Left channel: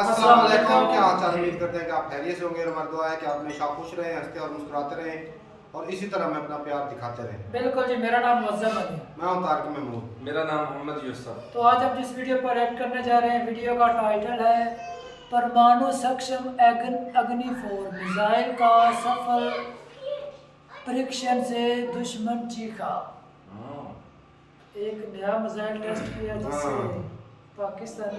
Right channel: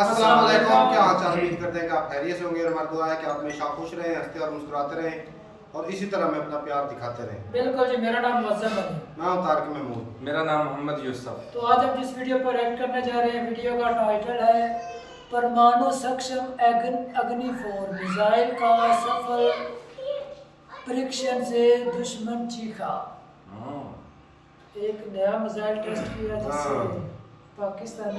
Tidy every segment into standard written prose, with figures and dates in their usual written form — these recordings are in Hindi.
अस्सलाम वालेकुम, क्या हाल चाल? उम्मीद करते हैं कि आप खैरियत से होंगे और हमारी दुआ है कि आप हमेशा खुश रहें, हंसते और मुस्कुराते रहें और इसी तरह में अपना प्यार दिखाते रहें। बिल्कुल जी, मेरा नाम मुअज़्ज़म है। मैं हूं तारिक महमूद। मेरा नाम मोहम्मद यूसुफ। तो आज हम जिस वीडियो पर ऐड करने जा रहे हैं, वीडियो का टाइटल है परमाणु सक्षम अग्नि 4 मिसाइल का सफल परीक्षण से दुश्मन चीखा। एक नया मिसाइल टेस्ट किया जिससे पाकिस्तानी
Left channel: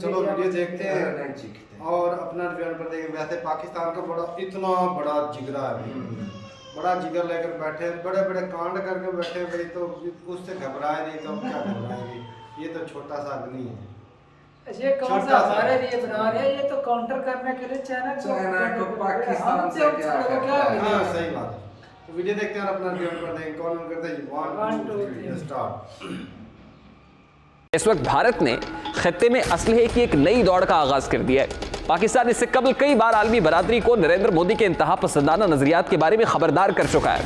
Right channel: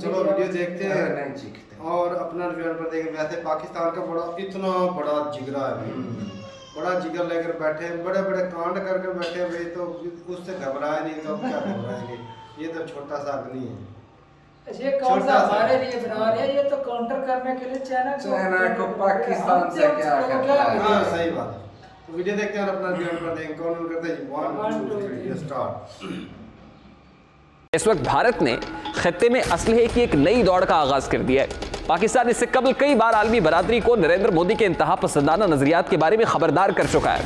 चलो वीडियो देखते हैं नहीं चीखते। और अपना रिव्यू पर देखें। वैसे पाकिस्तान का इतना बड़ा जिगरा है भाई, बड़ा जिगर लेकर बैठे, बड़े बड़े कांड करके बैठे भाई, तो उससे घबराए नहीं तो अब क्या घबराएंगे। ये तो छोटा सा अग्नि है। ये कौन सा छोटा सा। हमारे लिए बना रहे हैं? ये तो काउंटर करने के लिए चाइना को पाकिस्तान से क्या करना हाँ सही बात है। तो वीडियो देखते हैं और अपना रिव्यू पर देखें। कौन करते हैं? 1 2 3 स्टार्ट। इस वक्त भारत ने खत्ते में असलहे की एक नई दौड़ का आगाज कर दिया है। पाकिस्तान इससे कबल कई बार आलमी बरादरी को नरेंद्र मोदी के इंतहा पसंदाना नजरियात के बारे में खबरदार कर चुका है।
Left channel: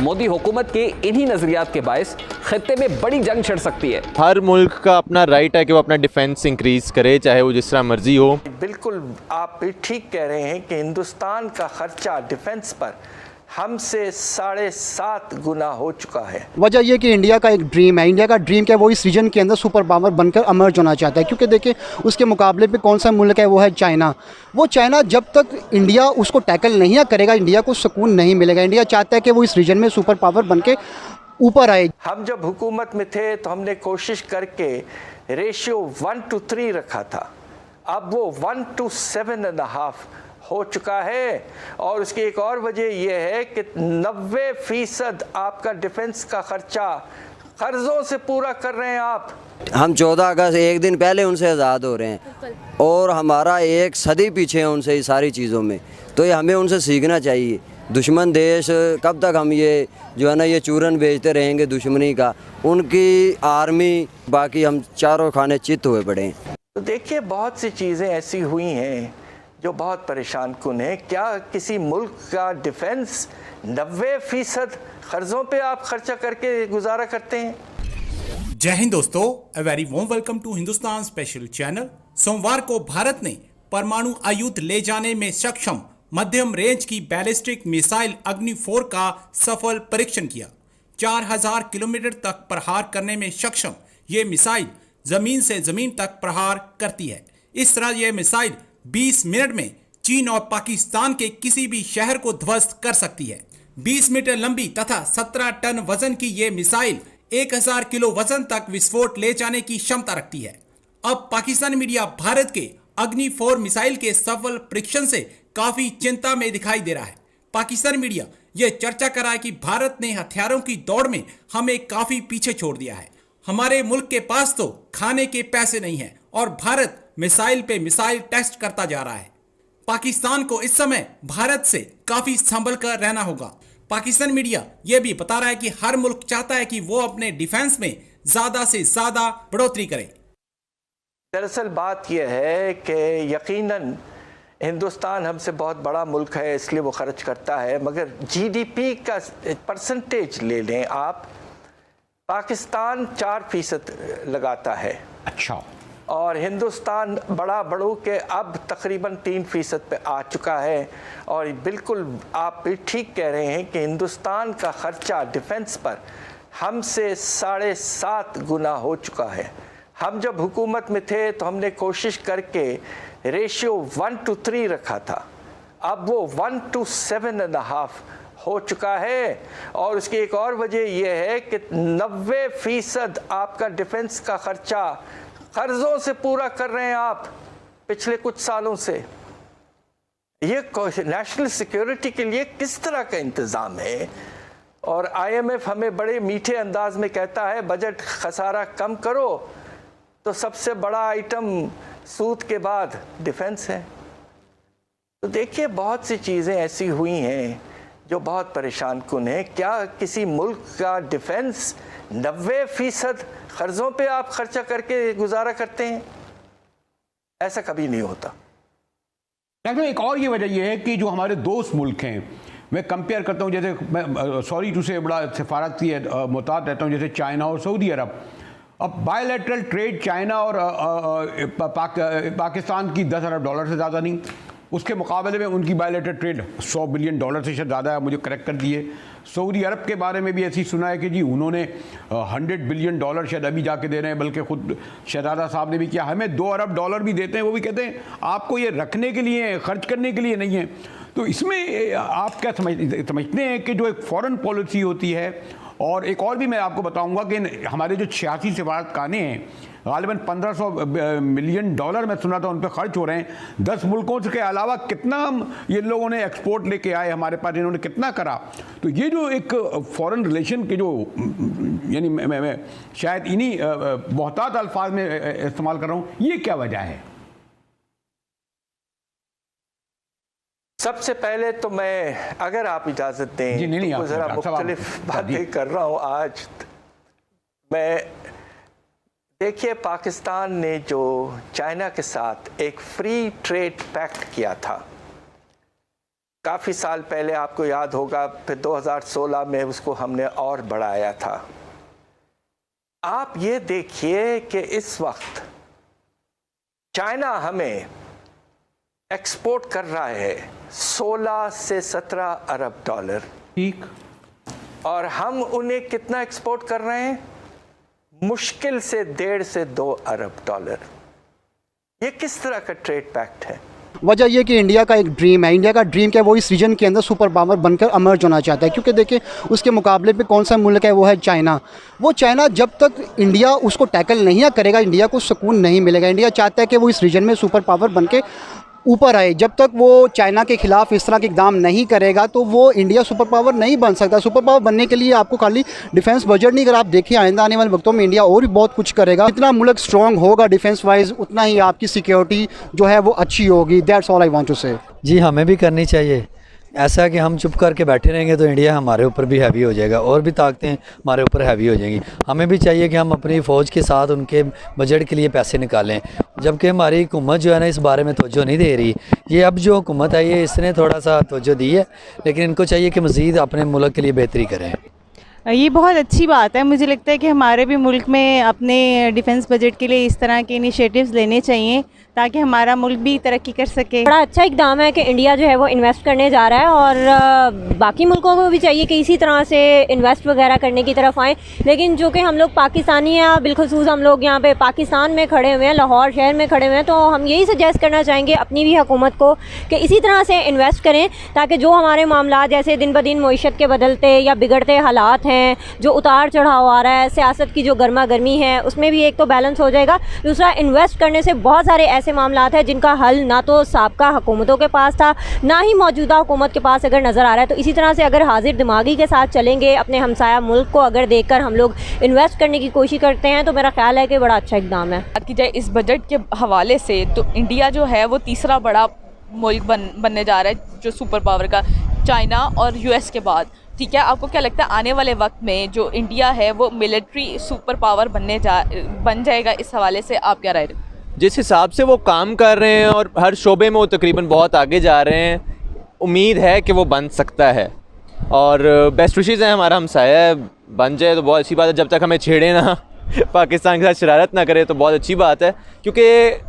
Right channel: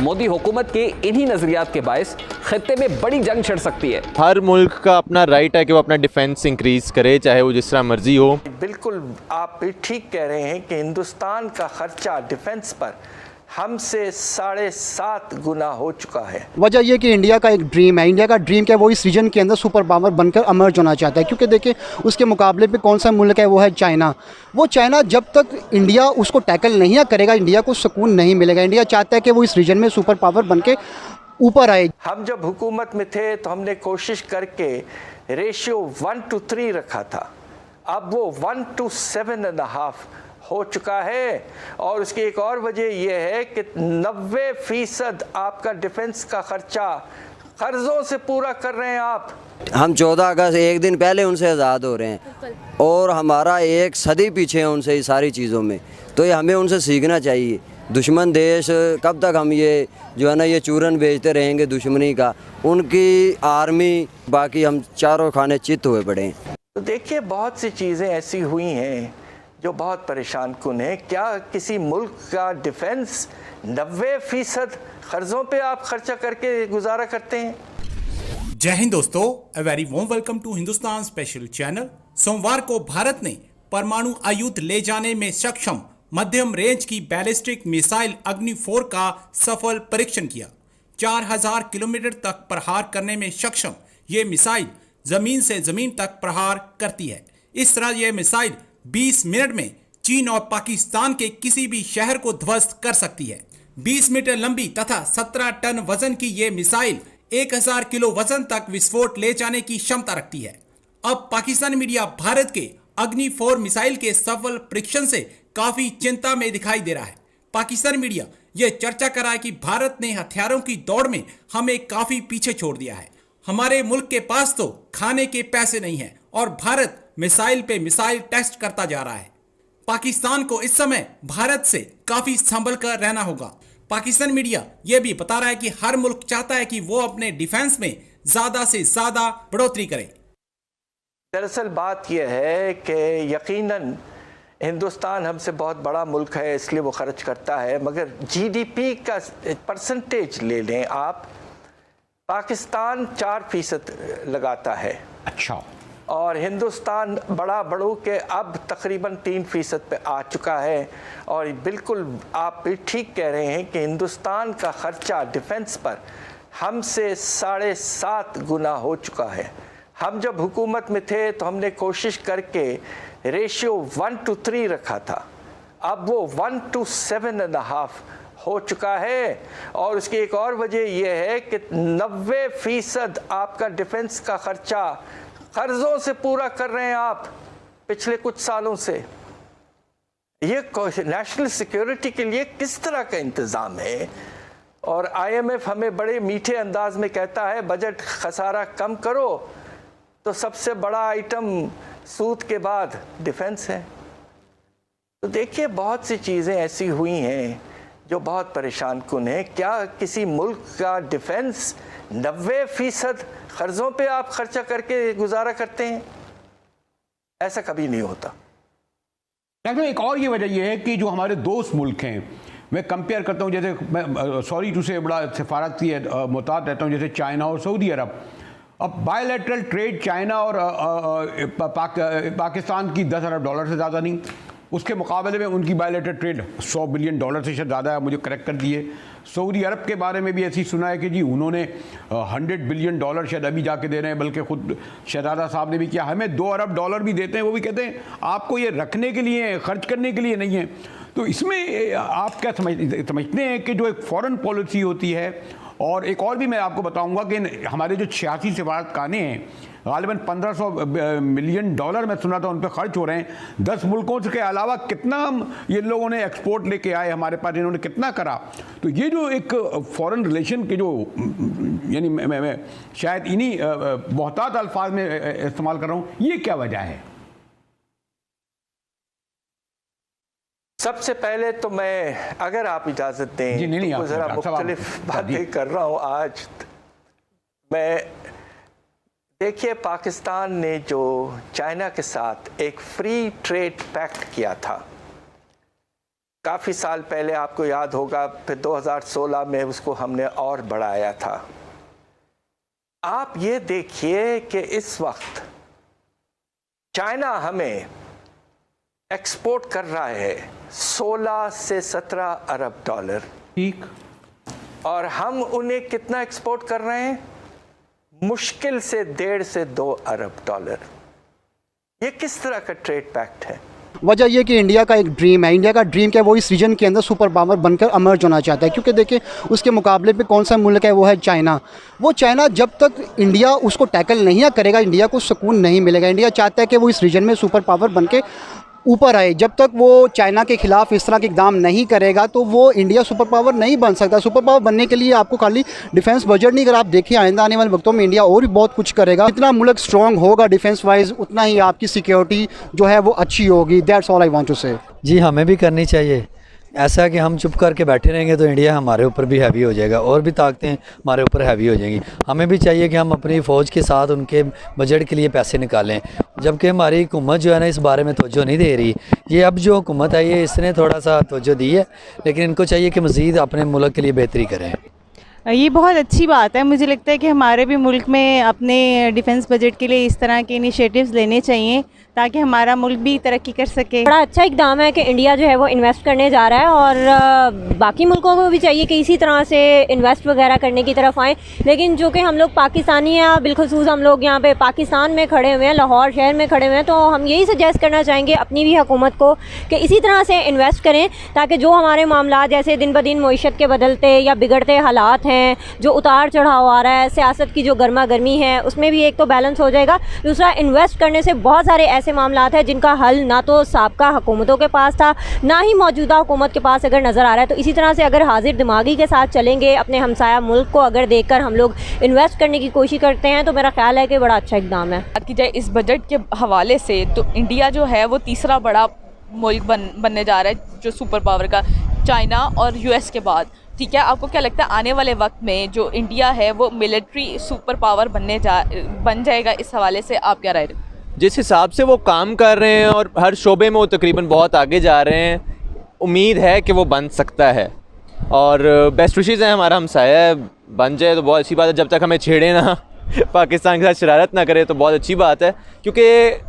मोदी हुकूमत के इन्हीं नजरियात के बायस खत्ते में बड़ी जंग छिड़ सकती है। हर मुल्क का अपना राइट है कि वो अपना डिफेंस इंक्रीज करे, चाहे वो जिस तरह मर्जी हो। बिल्कुल आप भी ठीक कह रहे हैं कि हिंदुस्तान का खर्चा डिफेंस पर हमसे 7.5 गुना हो चुका है। वजह यह कि इंडिया का एक ड्रीम है, इंडिया का ड्रीम क्या है, वो इस रीजन के अंदर सुपर पावर बनकर अमर्ज होना चाहता है। क्योंकि देखिए उसके मुकाबले पे कौन सा मुल्क है, वो है चाइना। वो चाइना जब तक इंडिया उसको टैकल नहीं करेगा, इंडिया को सुकून नहीं मिलेगा। इंडिया चाहता है कि वो इस रीजन में सुपर पावर बन के ऊपर आए। हम जब हुकूमत में थे तो हमने कोशिश करके रेशियो 1:3 रखा था, अब वो 1:7.5 हो चुका है। और उसकी एक और वजह यह है कि 90% आपका डिफेंस का खर्चा कर्जों से पूरा कर रहे हैं आप। हम 14 अगस्त एक दिन पहले उनसे आज़ाद हो रहे हैं और हमारा एक सदी पीछे है उनसे ये सारी चीज़ों में। तो ये हमें उनसे सीखना चाहिए। दुश्मन देश कब तक हम ये जो है ना ये चूरन बेचते रहेंगे दुश्मनी का, उनकी आर्मी बाकी हम चारों खाने चित हुए पड़े हैं। तो देखिए बहुत सी चीज़ें ऐसी हुई हैं जो बहुत परेशान कुन है। क्या किसी मुल्क का डिफेंस 90% कर्जों पे आप खर्चा करके गुजारा करते हैं? जय हिंद दोस्तों, a very warm welcome to Hindustan special channel. सोमवार को भारत ने परमाणु आयुध ले जाने में सक्षम मध्यम रेंज की बैलिस्टिक मिसाइल अग्नि 4 का सफल परीक्षण किया। 4000 किलोमीटर तक प्रहार करने में सक्षम ये मिसाइल जमीन से जमीन तक प्रहार करती है। इस तरह यह मिसाइल 20 मिनट में चीन और पाकिस्तान के किसी भी शहर को ध्वस्त कर सकती है। 20 मीटर लंबी तथा 17 टन वजन की यह मिसाइल 1000 किलो वजन तक विस्फोट ले जाने की क्षमता रखती है। अब पाकिस्तानी मीडिया भारत के अग्नि 4 मिसाइल के सफल परीक्षण से काफी चिंता में दिखाई दे रहा है। पाकिस्तानी मीडिया यह चर्चा कर रहा है कि भारत ने हथियारों की दौड़ में हमें काफी पीछे छोड़ दिया है। हमारे मुल्क के पास तो खाने के पैसे नहीं है और भारत मिसाइल पे मिसाइल टेस्ट करता जा रहा है। पाकिस्तान को इस समय भारत से काफी संभल कर रहना होगा। पाकिस्तान मीडिया यह भी बता रहा है कि हर मुल्क चाहता है कि वो अपने डिफेंस में ज्यादा से ज्यादा बढ़ोतरी करे। दरअसल बात यह है कि यकीनन हिंदुस्तान हमसे बहुत बड़ा मुल्क है, इसलिए वो खर्च करता है, मगर जीडीपी का परसेंटेज ले लें आप, पाकिस्तान 4% लगाता है। अच्छा। और हिंदुस्तान बड़ा बढ़ू के अब तकरीबन 3% पे आ चुका है। और बिल्कुल आप भी ठीक कह रहे हैं कि हिंदुस्तान का खर्चा डिफेंस पर हमसे 7.5 गुना हो चुका है। हम जब हुकूमत में थे तो हमने कोशिश करके रेशियो 1:3 रखा था, अब वो 1:7.5 हो चुका है। और उसकी एक और वजह यह है कि 90% आपका डिफेंस का खर्चा कर्जों से पूरा कर रहे हैं आप पिछले कुछ सालों से। ये नेशनल सिक्योरिटी के लिए किस तरह का इंतज़ाम है? और आईएमएफ हमें बड़े मीठे अंदाज में कहता है बजट खसारा कम करो, तो सबसे बड़ा आइटम सूद के बाद डिफेंस है। तो देखिए बहुत सी चीज़ें ऐसी हुई हैं जो बहुत परेशान कुन है। क्या किसी मुल्क का डिफेंस 90% कर्जों पे आप खर्चा करके गुजारा करते हैं? ऐसा कभी नहीं होता। एक और ये वजह यह है कि जो हमारे दोस्त मुल्क हैं, मैं कंपेयर करता हूँ, जैसे मैं सॉरी टू से बड़ा सिफारत की मोहतात रहता हूँ, जैसे चाइना और सऊदी अरब। अब बायलैटरल ट्रेड चाइना और पाकिस्तान की 10 अरब डॉलर से ज़्यादा नहीं, उसके मुकाबले में उनकी बायलैटरल ट्रेड 100 बिलियन डॉलर से ज़्यादा है। मुझे करेक्ट कर दिए। सऊदी अरब के बारे में भी ऐसी सुना है कि जी उन्होंने 100 बिलियन डॉलर शायद अभी जाके दे रहे हैं, बल्कि खुद शहजादा साहब ने भी किया। हमें 2 अरब डॉलर भी देते हैं, वो भी कहते हैं आपको ये रखने के लिए, खर्च करने के लिए नहीं है। तो इसमें आप क्या समझते हैं कि जो एक फॉरेन पॉलिसी होती है, और एक और भी मैं आपको बताऊंगा कि हमारे जो 86 सिफारतखाने हैं, गालिबन 1500 मिलियन डॉलर मैं सुना था उन पर खर्च हो रहे हैं। 10 मुल्कों के अलावा कितना हम ये लोगों ने एक्सपोर्ट लेके आए हमारे पास, इन्होंने कितना करा। तो ये जो एक फॉरेन रिलेशन के जो यानी मैं शायद इन्हीं बहुतात अल्फाज में इस्तेमाल कर रहा हूँ, ये क्या वजह है? सबसे पहले तो मैं, अगर आप इजाज़त दें, तो ज़रा मुख्तलिफ बातें कर रहा हूँ आज मैं। देखिए, पाकिस्तान ने जो चाइना के साथ एक फ्री ट्रेड पैक्ट किया था काफ़ी साल पहले, आपको याद होगा, फिर 2016 में उसको हमने और बढ़ाया था। आप ये देखिए कि इस वक्त चाइना हमें एक्सपोर्ट कर रहा है 16 से 17 अरब डॉलर, ठीक, और हम उन्हें कितना एक्सपोर्ट कर रहे हैं? मुश्किल से 1.5 से 2 अरब डॉलर। ये किस तरह का ट्रेड पैक्ट है? वजह यह कि इंडिया का एक ड्रीम है, इंडिया का ड्रीम क्या है, वो इस रीजन के अंदर सुपर पावर बनकर अमर्ज होना चाहता है। क्योंकि देखिए उसके मुकाबले पे कौन सा मुल्क है, वो है चाइना। वो चाइना जब तक इंडिया उसको टैकल नहीं करेगा, इंडिया को सुकून नहीं मिलेगा। इंडिया चाहता है कि वो इस रीजन में सुपर पावर बन के ऊपर आए। जब तक वो चाइना के खिलाफ इस तरह के इकदाम नहीं करेगा तो वो इंडिया सुपर पावर नहीं बन सकता। सुपर पावर बनने के लिए आपको खाली डिफेंस बजट नहीं, अगर आप देखिए आइंदा आने वाले वक्तों में इंडिया और भी बहुत कुछ करेगा। जितना मुल्क स्ट्रॉन्ग होगा डिफेंस वाइज, उतना ही आपकी सिक्योरिटी जो है वो अच्छी होगी। That's all I want to say. जी, हमें भी करनी चाहिए। ऐसा कि हम चुप करके बैठे रहेंगे तो इंडिया हमारे ऊपर भी हैवी हो जाएगा, और भी ताकतें हमारे ऊपर हैवी हो जाएंगी। हमें भी चाहिए कि हम अपनी फ़ौज के साथ उनके बजट के लिए पैसे निकालें, जबकि हमारी हुकूमत जो है ना इस बारे में तवज्जो नहीं दे रही। ये अब जो हुकूमत है ये इसने थोड़ा सा तवज्जो दी है, लेकिन इनको चाहिए कि मज़ीद अपने मुल्क के लिए बेहतरी करें। ये बहुत अच्छी बात है। मुझे लगता है कि हमारे भी मुल्क में अपने डिफेंस बजट के लिए इस तरह के इनिशिएटिव्स लेने चाहिए ताकि हमारा मुल्क भी तरक्की कर सके। बड़ा अच्छा इकदाम है कि इंडिया जो है वो इन्वेस्ट करने जा रहा है, और बाकी मुल्कों को भी चाहिए कि इसी तरह से इन्वेस्ट वगैरह करने की तरफ आएँ। लेकिन जो कि हम लोग पाकिस्तानी हैं, बिलखुसूस हम लोग यहाँ पे पाकिस्तान में खड़े हुए हैं, लाहौर शहर में खड़े हुए हैं, तो हम यही सजेस्ट करना चाहेंगे अपनी भी हुकूमत को कि इसी तरह से इन्वेस्ट करें ताकि जो हमारे मामला जैसे दिन ब दिन मईशत के बदलते या बिगड़ते हालात हैं, जो उतार चढ़ाव आ रहा है, सियासत की जो गर्मा गर्मी है, उसमें भी एक तो बैलेंस हो जाएगा। दूसरा, इन्वेस्ट करने से बहुत सारे ऐसे मामलात हैं जिनका हल ना तो साबका हुकूमतों के पास था, ना ही मौजूदा हुकूमत के पास अगर नज़र आ रहा है। तो इसी तरह से अगर हाजिर दिमागी के साथ चलेंगे, अपने हमसाया मुल्क को अगर देखकर हम लोग इन्वेस्ट करने की कोशिश करते हैं, तो मेरा ख्याल है कि बड़ा अच्छा इकदाम है। बात की जाए इस बजट के हवाले से, तो इंडिया जो है वो तीसरा बड़ा मुल्क बनने जा रहा है, जो सुपर पावर का, चाइना और यूएस के बाद। ठीक है, आपको क्या लगता है आने वाले वक्त में जो इंडिया है वो मिलिट्री सुपर पावर बन जाएगा? इस हवाले से आप क्या राय रहे? जिस हिसाब से वो काम कर रहे हैं और हर शोबे में वो तकरीबन बहुत आगे जा रहे हैं, उम्मीद है कि वो बन सकता है। और बेस्ट विशेज़ हैं, हमारा हमसाया है, बन जाए तो बहुत अच्छी बात है। जब तक हमें छेड़े ना, पाकिस्तान के साथ शरारत ना करे तो बहुत अच्छी बात है। क्योंकि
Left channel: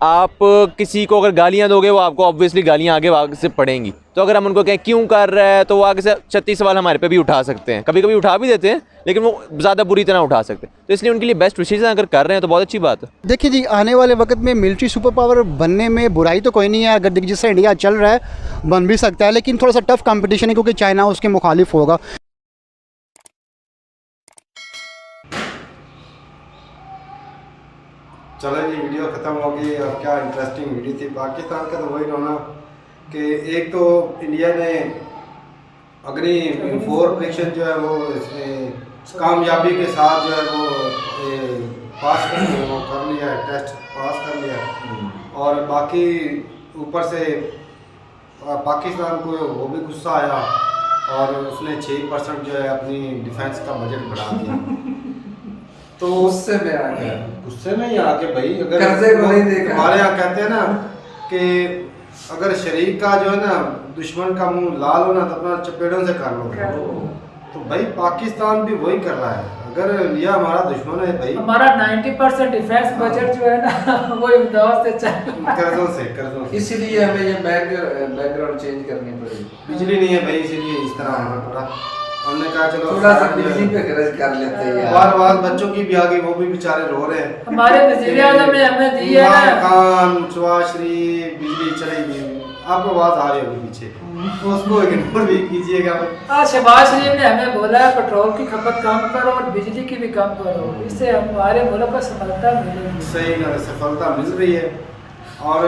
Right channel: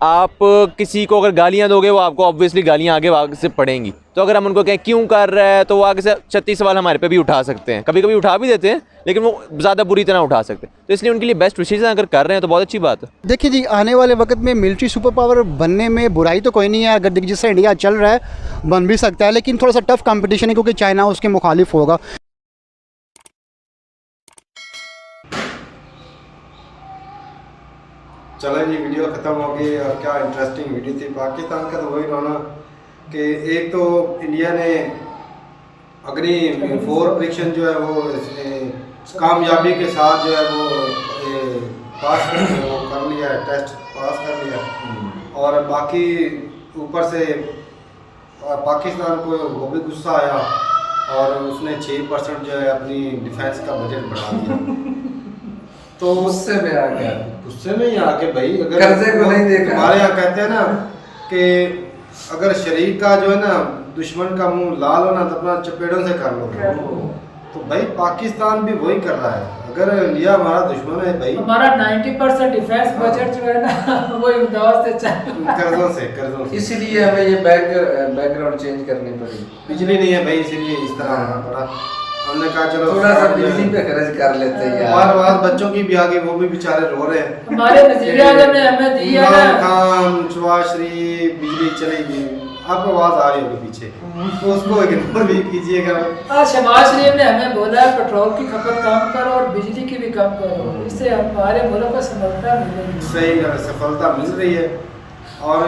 आप किसी को अगर गालियाँ दोगे, वो आपको ऑब्वियसली गालियाँ आगे से पड़ेंगी। तो अगर हम उनको कहें क्यों कर रहा है, तो वो आगे से 36 सवाल हमारे पे भी उठा सकते हैं। कभी कभी उठा भी देते हैं, लेकिन वो ज़्यादा बुरी तरह उठा सकते हैं। तो इसलिए उनके लिए बेस्ट विशेज़ अगर कर रहे हैं तो बहुत अच्छी बात है। देखिए जी, आने वाले वक्त में मिलिट्री सुपर पावर बनने में बुराई तो कोई नहीं है। अगर जिससे इंडिया चल रहा है बन भी सकता है, लेकिन थोड़ा सा टफ कंपटीशन है क्योंकि चाइना उसके मुखालिफ होगा। चलो जी, वीडियो ख़त्म हो गई, और क्या इंटरेस्टिंग वीडियो थी। पाकिस्तान का तो वही रोना कि एक तो इंडिया ने अग्नि 4 परीक्षण जो है वो कामयाबी के साथ जो है वो पास कर लिया, वो कर लिया है, टेस्ट पास कर लिया। और बाकी ऊपर से पाकिस्तान को वो भी गुस्सा आया और उसने 6% जो है अपनी डिफेंस का बजट बढ़ा दिया। तो गुस्से में आ गया, गुस्से में ही आके भाई, अगर कर्जे को नहीं देखा। हमारे यहाँ कहते हैं ना कि अगर शरीक का जो है ना दुश्मन का मुंह लाल हो ना तो अपना चपेड़ों से कर लो। तो भाई पाकिस्तान भी वही कर रहा है। अगर इंडिया हमारा दुश्मन है भाई, हमारा 90% डिफेंस बजट जो है ना वो इमदाद से चल कर्जों से इसीलिए हमें ये बैकग्राउंड चेंज करनी पड़ेगी। बिजली नहीं है भाई, इसीलिए इस तरह होना पड़ा। हमने कहा चलो थोड़ा सा बिजली पे खर्च कर लेते हैं। और बाद बच्चों की भी आगे, वो भी बेचारे रो रहे हैं। हमारे वज़ीर आज़म ने हमें दी है इमरान ना खान सुभाश्री बिजली चली गई, आपको आवाज आ रही होगी पीछे, तो उसको इग्नोर भी कीजिएगा। आज शहबाज शरीफ ने हमें बोला है पेट्रोल की खपत कम करो और बिजली की भी कम करो, इससे हमारे मुल्क को सफलता मिलेगी। सही सफलता मिल रही है। और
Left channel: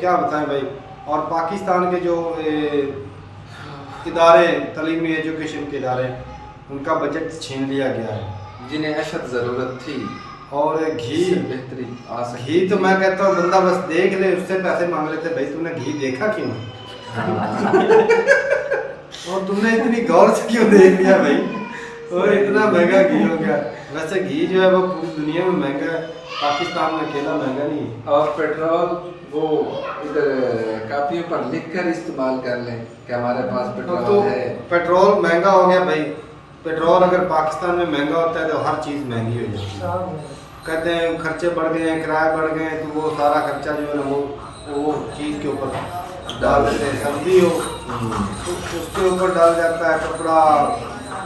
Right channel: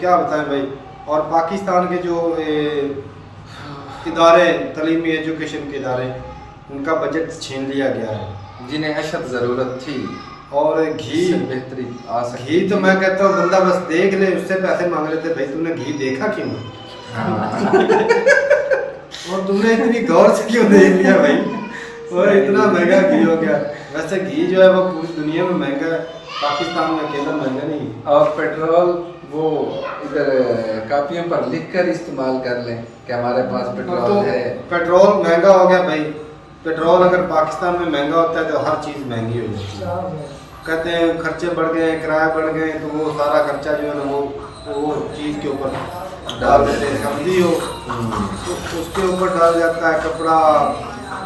क्या बताएं भाई, और पाकिस्तान के जो इदारे, तालीमी एजुकेशन के इदारे, उनका बजट छीन लिया गया है, जिन्हें अशद ज़रूरत थी। और घी बेहतरी आ सकती। घी तो मैं कहता हूँ बंदा बस देख ले, उससे पैसे मांग लेते, भाई तूने घी देखा क्यों? और तुमने इतनी गौर से क्यों देख लिया भाई? और इतना महंगा घी हो गया। वैसे घी जो है वो पूरी दुनिया में महंगा है, पाकिस्तान में अकेला महंगा नहीं। और पेट्रोल वो इधर कापियों पर लिख कर इस्तेमाल कर लें कि हमारे पास पेट्रोल तो है। पेट्रोल महंगा हो गया भाई। पेट्रोल अगर पाकिस्तान में महंगा होता है तो हर चीज़ महंगी हो जाती है। कहते हैं खर्चे बढ़ गए, किराए बढ़ गए, तो वो सारा खर्चा जो है ना वो चीज़ के ऊपर डाल देते हैं। सब्जी हो तो उसके ऊपर डाल जाता है, कपड़ा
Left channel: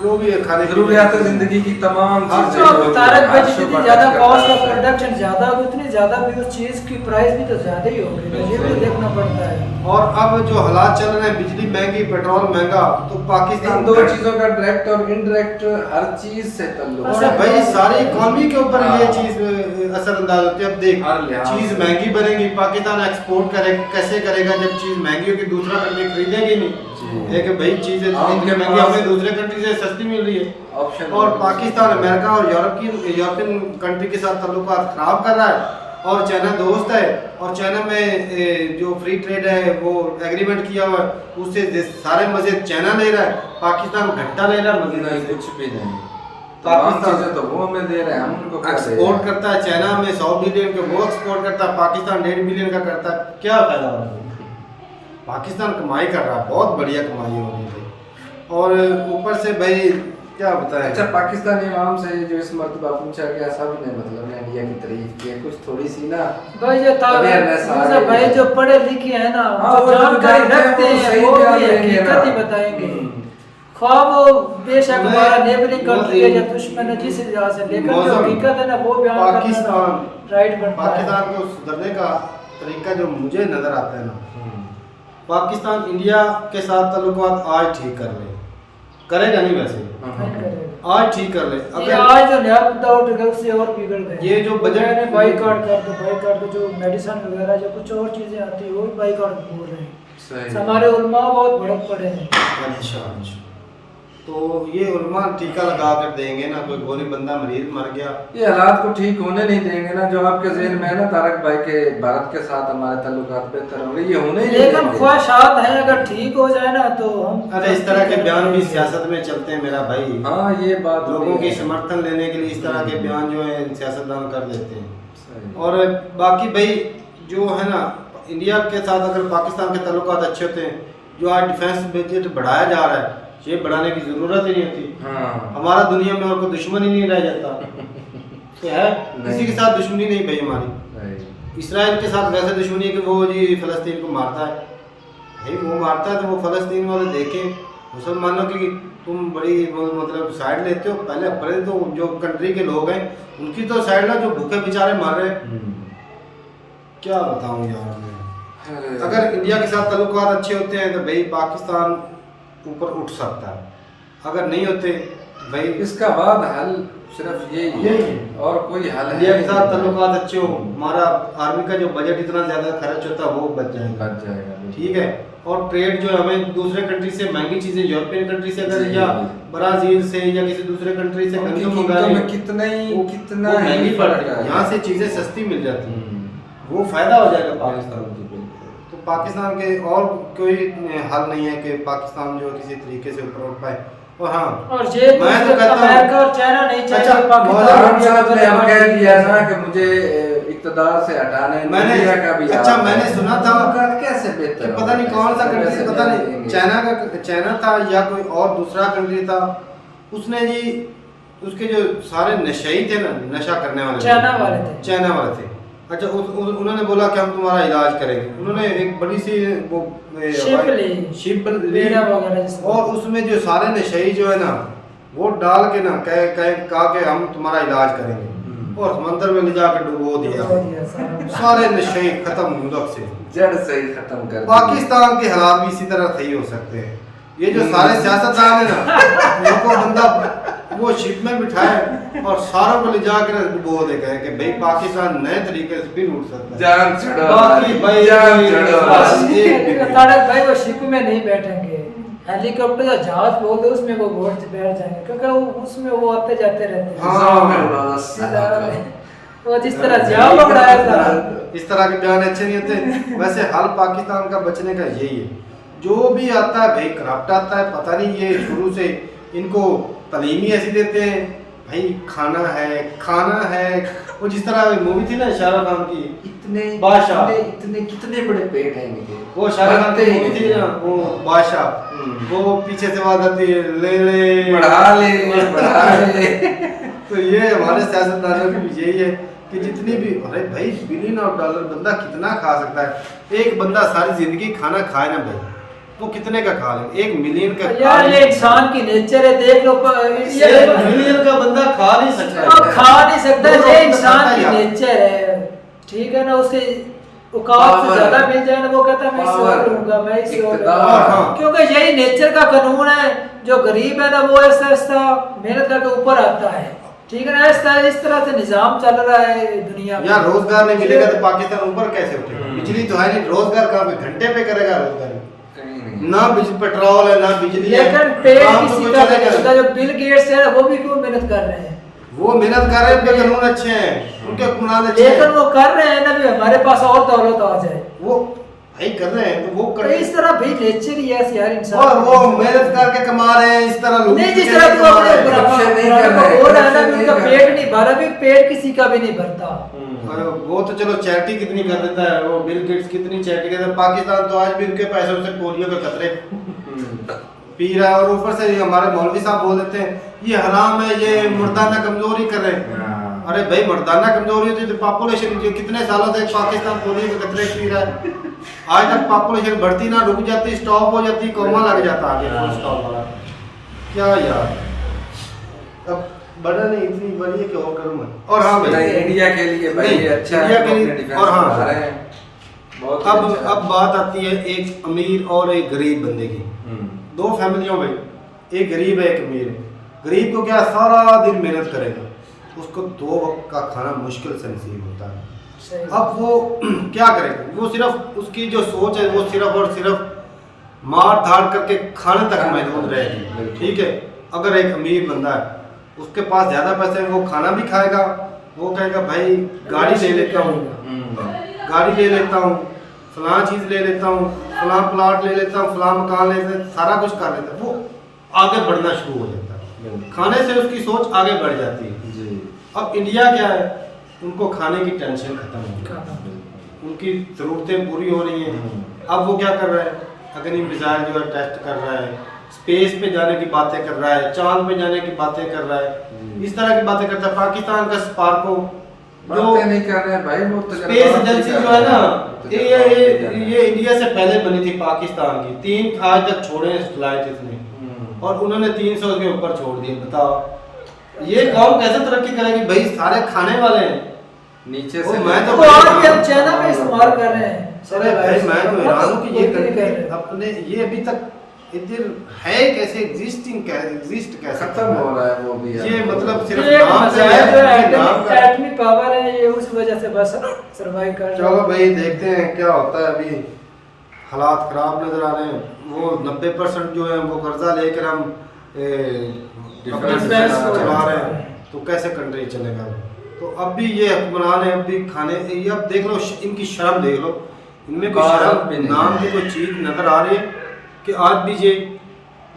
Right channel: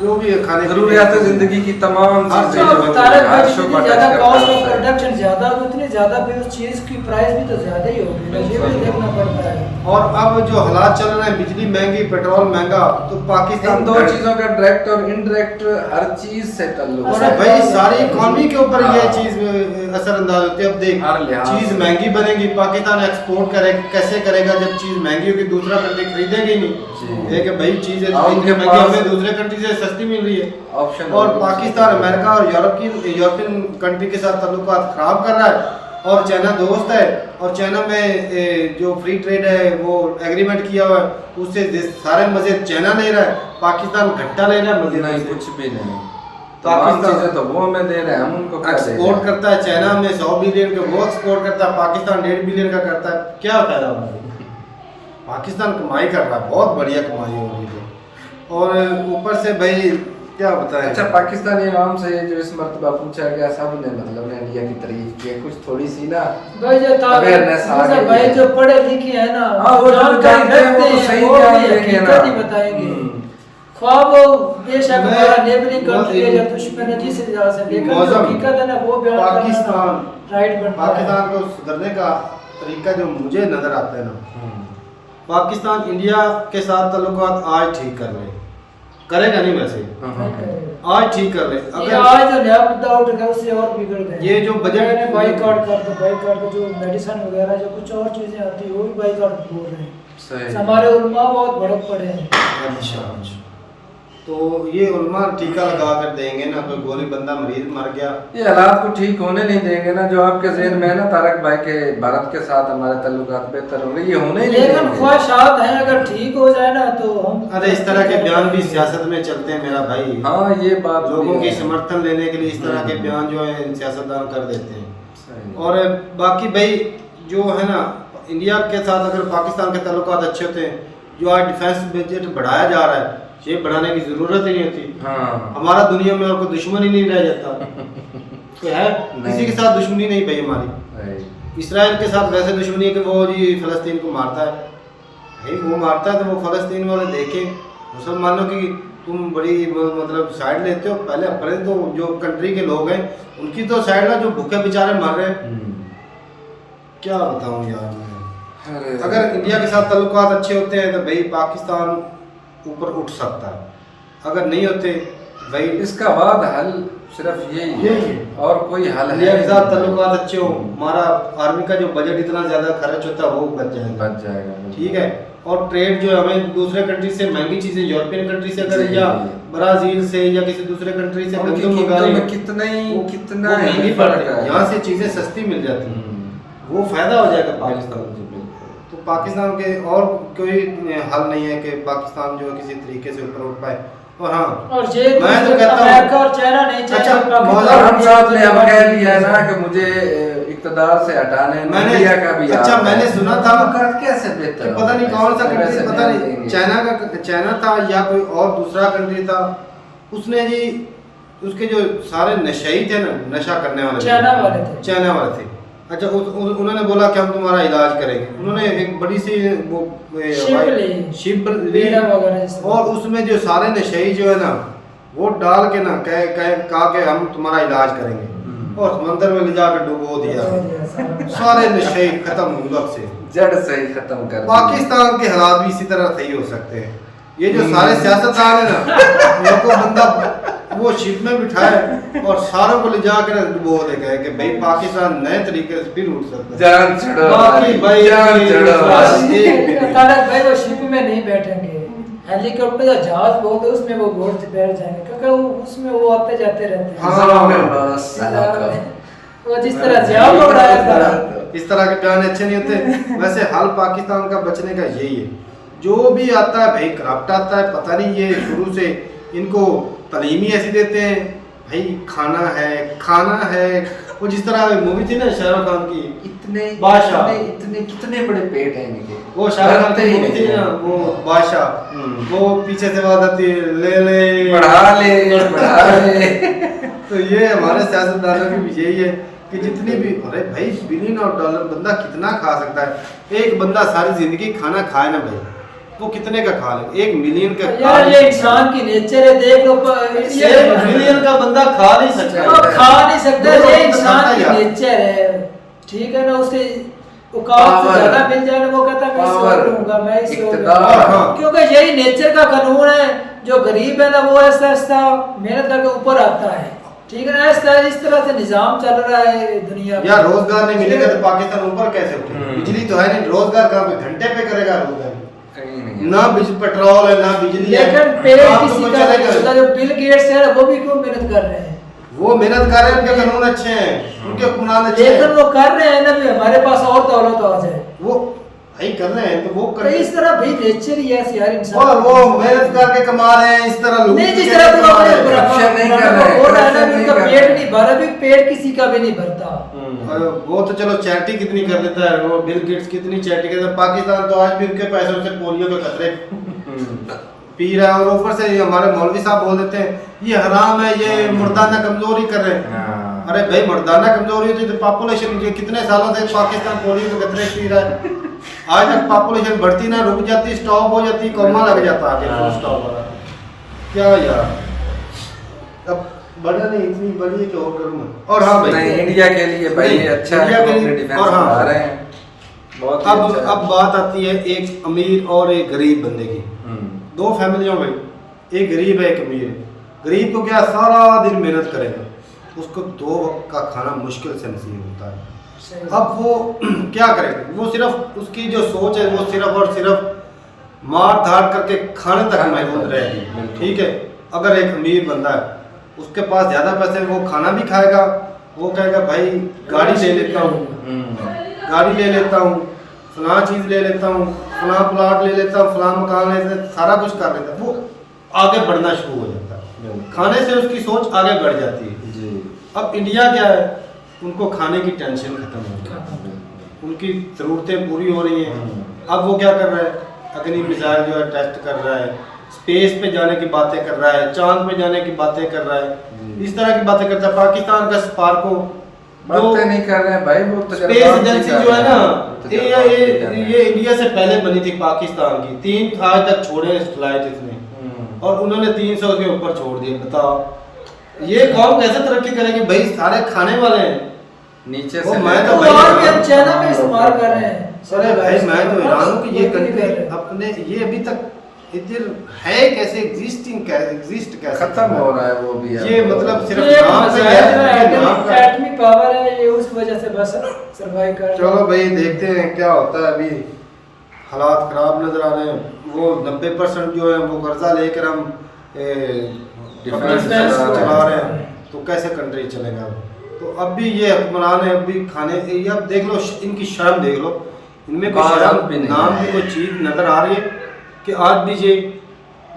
जो भी है, खाने ज़रूरियात ज़िंदगी की तमाम जितनी ज़्यादा कॉस्ट ऑफ प्रोडक्शन ज़्यादा हो उतनी ज़्यादा भी उस चीज़ की प्राइस भी तो ज़्यादा ही होगी, ये भी देखना पड़ता है। और अब जो हालात चल रहे हैं, बिजली महंगी, पेट्रोल महंगा, तो पाकिस्तान दो चीज़ों का डायरेक्ट और इनडायरेक्ट हर चीज़ से ताल्लुक है भाई। सारी इकॉनमी के ऊपर ये चीज़ असरअंदाज होती है। अब देख, चीज़ महंगी बनेगी, पाकिस्तान एक्सपोर्ट करे कैसे करेगा जब चीज़ महंगी होगी? दूसरा कंट्री खरीदेगी नहीं। एक भाई चीज़ें इतनी महंगी हमें दूसरे कंट्री से सस्ती मिल रही है, और पाकिस्तान अमेरिका और यूरोपियन कंट्री के साथ ताल्लुकात खराब कर रहा है। और चाइना दोस्त है, और चाइना में जो फ्री ट्रेड है वो एग्रीमेंट किया हुआ है, उससे सारे मजे चाइना ले रहा है, पाकिस्तान घट्टा ले रहा है मजे। नहीं, कुछ भी नहीं। पाकिस्तान तो वो हमें दे रहे हैं, हम उनको एक्सपोर्ट करता है। चाइना में 100 बिलियन के वो एक्सपोर्ट करता है, पाकिस्तान 1.5 बिलियन का करता है। क्या फायदा होगा? पाकिस्तान कमाई कर रहा है, बहुत बढ़िया कमाई हो रही है। और ऊपर से भाई क्या बताएं। अच्छा, पाकिस्तानी अवाम से जो इस मरतबा पूछा गया, सब ने मतलब ने इंडिया की तारीफ की, कुछ थोड़ी सी ना भाई जो भाई जो पढ़े लिखे हैं ना, वो जानकारी रखते हैं, वो हकीकत ही बताएंगे। ख्वाब बेशक हमारा नेबरिंग कंट्री है या दुश्मन है जिस लिहाज से, लेकिन जो हकीकत है ना वो बयान पाकिस्तान राइट बनता है। पाकिस्तान को सुधरने का तरीका जो मुझे नजर आता है ना, पाकिस्तान इंडिया के साथ ताल्लुकात आज ठीक कर ले, करेगा नहीं वैसे, आज ठीक कर ले। अगर आज जो नया मुद्दा उठ गया उससे और बिगड़ गए। ये जो बजट में बाइकआउट कर दो, जो मेडिसिन वगैरह जो कुछ और चीजें आती है वो भी बाइकआउट बोल रहे हैं। हमारे उलमा बहुत बड़े पड़े हैं। अच्छा, तो ये उलमा टीका लगा कर देंगे ना, कोई गोली बंदा मरीज मर गया, ये हालात को ठीक होने नहीं देंगे ना। जो आपके ज़हन में है ना तारक भाई के भारत के साथ हमारे ताल्लुकात बेहतर होंगे, ये होने ही नहीं देंगे। लेकिन ख्वाहिशात हैं, अगर ठीक हो जाए ना तो हम। अरे इस तरह के बयान भी सियासत में चलते हैं मेरा भाई। हाँ, ये बात लोगों की समर्थन लेने के लिए इस तरह के बयान जो है सियासतदान कर देते हैं। और बाकी भाई जो है ना, इंडिया के साथ अगर पाकिस्तान के ताल्लुकात अच्छे होते हैं, जो आज डिफेंस बजट बढ़ाया जा रहा है, ये बढ़ाने की जरूरत ही नहीं होती। हाँ। हमारा दुनिया में और कोई दुश्मन ही नहीं रह जाता। तो है किसी के साथ दुश्मनी नहीं भाई हमारी। इसराइल के साथ वैसे दुश्मनी है कि वो जी फ़लस्तीन को मारता है, भाई वो मारता है तो वो फ़लस्तीन वाले देखें। मुसलमानों की तुम बड़ी मतलब साइड लेते हो, पहले तो जो कंट्री के लोग हैं उनकी तो साइड ला, जो भूखे बेचारे मर रहे हैं। क्या बताऊँ यार मैं। अगर इंडिया के साथ ताल्लुकात अच्छे होते हैं तो भाई पाकिस्तान ऊपर उठ सकता है, अगर नहीं होते भाई इसका बाद हल सिर्फ यही है, और कोई हल इंडिया के साथ ताल्लुकात अच्छे हो, हमारा आर्मी का जो बजट इतना ज़्यादा खर्च होता है वो बच जाएगा। ठीक है। और ट्रेड जो है, हमें दूसरे कंट्री से महंगी चीज़ें, यूरोपियन कंट्री से अगर या ब्राज़ील से या किसी दूसरे कंट्री से गंदम मंगा रहे हैं, कितना महंगी पड़ती है, यहाँ से चीज़ें सस्ती मिल जाती हैं, वो फ़ायदा हो जाएगा पाकिस्तान। तो पाकिस्तान के और कोई हल नहीं है कि पाकिस्तान जो किसी तरीके से ऊपर उठ पाए। और हाँ, और मैं तो कहता हूँ और चाइना नहीं चाहिए। साहब ने अब कह दिया ना कि मुझे इक़्तिदार से हटाने इंडिया का भी। अच्छा, मैंने सुना था कैसे बेहतर, पता नहीं कौन सा कंट्री, पता नहीं चाइना था या कोई और दूसरा कंट्री था, उसने जी उसके जो सारे नशई थे ना, नशा करने वाले चाइना वाले थे। अच्छा उन्होंने बोला कि हम तुम्हारा इलाज करेंगे। उन्होंने एक बड़ी सी वो शिप ली और उसमें जो सारे नशई जो है ना वो डाल के ना कहा कि हम तुम्हारा इलाज करेंगे और समंदर में ले जाकर डुबो दिया। सारे नशे खत्म मुल्क से, जड़ से ही खत्म कर। पाकिस्तान के हालात भी इसी तरह सही हो सकते हैं। ये जो सारे सियासतदान है ना, इनको बंदा वो शिप में बिठाए और सारों को ले जाकर डुबो दे कहे कि भाई पाकिस्तान नए तरीके से फिर उठ सकता है। जान छोड़ो बाकी भाई तारक भाई वो शिप में नहीं बैठेंगे, हेलीकॉप्टर या जहाज बहुत है उसमें वो बैठ जाएंगे क्योंकि उसमें वो आते जाते रहते हैं। हाँ वो जिस तरह जाल उड़ाया था, इस तरह के बयान अच्छे नहीं होते। वैसे हाल पाकिस्तान का बचने का यही है, जो भी आता है भाई करप्ट आता है। पता नहीं ये शुरू से इनको तालीम ही ऐसी देते हैं भाई, खाना है। वो जिस तरह मूवी थी ना शाहरुख खान की, इतने बादशाह, इतने कितने बड़े पेट हैं इनके। वो शाहरुख खान की मूवी थी ना, वो बादशाह, वो पीछे से आवाज आती है ले बढ़ा ले। तो ये हमारे सियासतदानों की भी यही है कि जितनी भी, अरे भाई $1 बिलियन बंदा कितना खा सकता है। एक बंदा सारी जिंदगी खाना खाए ना भाई, वो कितने का खा ले? 1 मिलियन का यार ये इंसान की नेचर है, देख लो 1 मिलियन का बंदा खा नहीं सकता, खा नहीं सकता। ये इंसान की नेचर है, ठीक है ना। उसे औकात से ज्यादा मिल जाए ना, वो कहता है मैं इससे और लूंगा, मैं इससे और लूंगा, क्योंकि यही नेचर का कानून है। जो गरीब है ना वो ऐसा ऐसा मेहनत करके ऊपर आता है, ठीक है ना। इस तरह से निजाम चल रहा है दुनिया में। यार रोजगार नहीं मिलेगा तो पाकिस्तान ऊपर कैसे उठेगा? बिजली तो है नहीं, रोजगार कहाँ पे? घंटे पे करेगा रोजगार? ना पेट्रोल है ना बिजली है। लेकिन पेड़ किसी का, जो बिल गेट्स है वो भी क्यों मेहनत कर रहे हैं? वो मेहनत कर रहे हैं, उनके कानून अच्छे हैं, उनके कानून अच्छे हैं, लेकिन वो कर रहे हैं ना भी हमारे पास और दौलत आ जाए, वो भाई कर रहे हैं तो वो कर। इस तरह भाई नेचर ही ऐसी यार इंसान, वो मेहनत करके कमा रहे हैं इस तरह लोग नहीं, जिस तरह तो अपने नहीं कर रहे हैं, उनका पेट नहीं भरा, भी पेट किसी का भी नहीं भरता। वो तो चलो चैरिटी कितनी कर देता है, वो बिल गेट्स कितनी चैरिटी करता है। पाकिस्तान तो आज भी उनके पैसों से पोलियो के खतरे पी रहा है, और ऊपर से हमारे मौलवी साहब बोल देते हैं ये हराम है, ये मर्दाना कमजोरी कर रहे हैं। अरे भाई मर्दाना कमजोरी होती है तो पॉपुलेशन जो कितने सालों से पाकिस्तान पोलियो के खतरे पी रहा है, आज तक पॉपुलेशन बढ़ती ना, रुक जाती, स्टॉप हो जाती, कोमा लग जाता आगे, फुल स्टॉप वाला। क्या यार, अब बड़ा नहीं, इतनी बड़ी है कि और करूँ मैं। और हाँ भाई इंडिया के लिए भाई अच्छा, इंडिया के लिए। और हाँ अब बात आती है एक अमीर और एक गरीब बंदे की। दो फैमिलियों भाई, एक गरीब है एक अमीर। गरीब को क्या सारा दिन मेहनत करेगा, उसको 2 वक्त का खाना मुश्किल से नसीब होता है। अब वो क्या करेगा? वो सिर्फ उसकी जो सोच है वो सिर्फ और सिर्फ मार धाड़ करके खाने तक महदूद रहेगी, ठीक है। अगर एक अमीर बंदा है, उसके पास ज़्यादा पैसे, वो खाना भी खाएगा, वो कहेगा भाई गाड़ी ले लेता हूँ, फलां चीज़ ले लेता हूँ, फलां प्लाट ले लेता हूँ, फलां मकान ले लेता, सारा कुछ कर लेता है। वो आगे बढ़ना शुरू हो जाता है, खाने से उसकी सोच आगे बढ़ जाती है। अब इंडिया क्या है, उनको खाने की टेंशन खत्म हो गई, उनकी ज़रूरतें पूरी हो रही हैं। अब वो क्या कर रहा है, अग्नि मिसाइल जो है टेस्ट कर रहा है, स्पेस पे जाने की बातें कर रहा है, चांद पे जाने की बातें कर रहा है, इस तरह की बातें करता है। पाकिस्तान का स्पार्को जो नहीं कर रहे हैं भाई, वो स्पेस एजेंसी जो है ना, ये इंडिया से पहले बनी थी पाकिस्तान की। 3 आज तक छोड़े फ्लाइट इसने, और उन्होंने 300 के ऊपर छोड़ दिए। बताओ ये कौम कैसे तरक्की करेगी भाई? सारे खाने वाले हैं नीचे से। मैं तो हम चाइना में इस्तेमाल कर रहे हैं। अरे भाई मैं तो हैरान हूँ कि ये कंट्री अपने ये अभी तक इधर है कैसे, एग्जिस्ट कैसे खत्म हो रहा है वो भी। ये मतलब सिर्फ नाम का है, नाम का एटमी पावर है, ये उस वजह से बस सर्वाइव कर। चलो भाई देखते हैं क्या होता है। अभी हालात ख़राब नज़र आ रहे हैं। वो 90% जो है वो कर्जा लेकर हम चला रहे हैं, तो कैसे कंट्री चलेगा? तो अब भी ये हुक्मरान है, अब भी खाने, अब देख लो इनकी शर्म देख लो, इनमें कोई शर्म नाम की कोई चीज़ नज़र आ रही है कि आज भी ये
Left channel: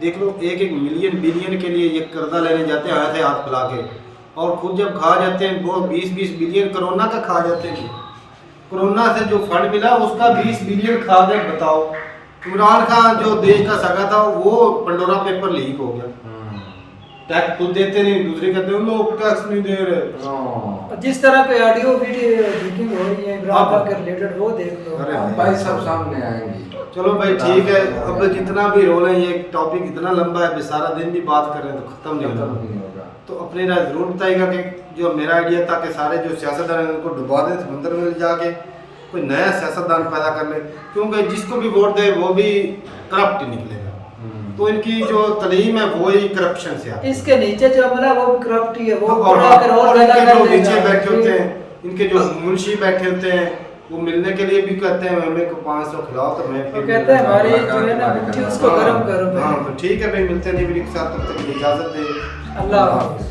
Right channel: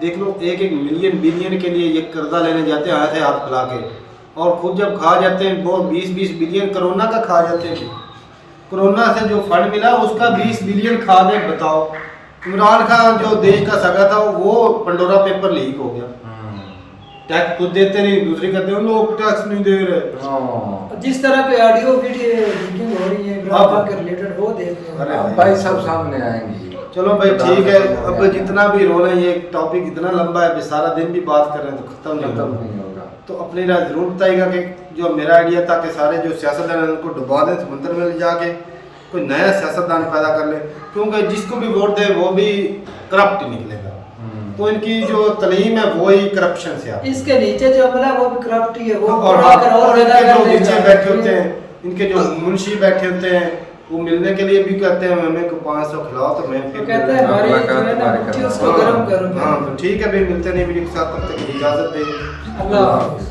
देख लो 1-1 मिलियन बिलियन के लिए ये कर्जा लेने जाते हैं हाथ हाथ फैला के, और खुद जब खा जाते हैं वो 20-20 बिलियन कोरोना का खा जाते हैं। कोरोना से जो फंड मिला उसका 20 बिलियन खा गए। बताओ, इमरान खान जो देश का सगा था वो पंडोरा पेपर लीक हो गया। टैक्स खुद देते नहीं, दूसरे कहते हैं लोग टैक्स नहीं दे रहे। जिस तरह की ऑडियो वीडियो लीकिंग हो रही है इमरान खान के रिलेटेड वो देख लो। अरे भाई सब सामने आएंगी। चलो भाई ठीक है, अब जितना भी रोल है, ये टॉपिक इतना लंबा है, सारा दिन भी बात करें तो खत्म नहीं होगा। तो अपनी राय जरूर बताइएगा कि जो मेरा आइडिया था कि सारे जो सियासतदान हैं उनको डुबा दें समुद्र में ले जाके, कोई नया सियासतदान पैदा कर ले, क्योंकि जिसको भी वोट दे वो भी करप्ट ही निकलेगा। तो इनकी जो तलीम है वो ही करप्शन से आती है। इसके नीचे जो अमला वो भी करप्ट ही है वो। और इनके जो नीचे बैठे होते हैं, इनके जो मुंशी बैठे होते हैं, वो मिलने के लिए भी कहते हैं हमें को 500 खिलाओ तो मैं फिर कहते हैं हमारी जो है ना उसको गरम करो। हाँ तो ठीक है भाई, मिलते नहीं वीडियो के साथ, तब तक की इजाजत दे। अल्लाह हाफ़िज़।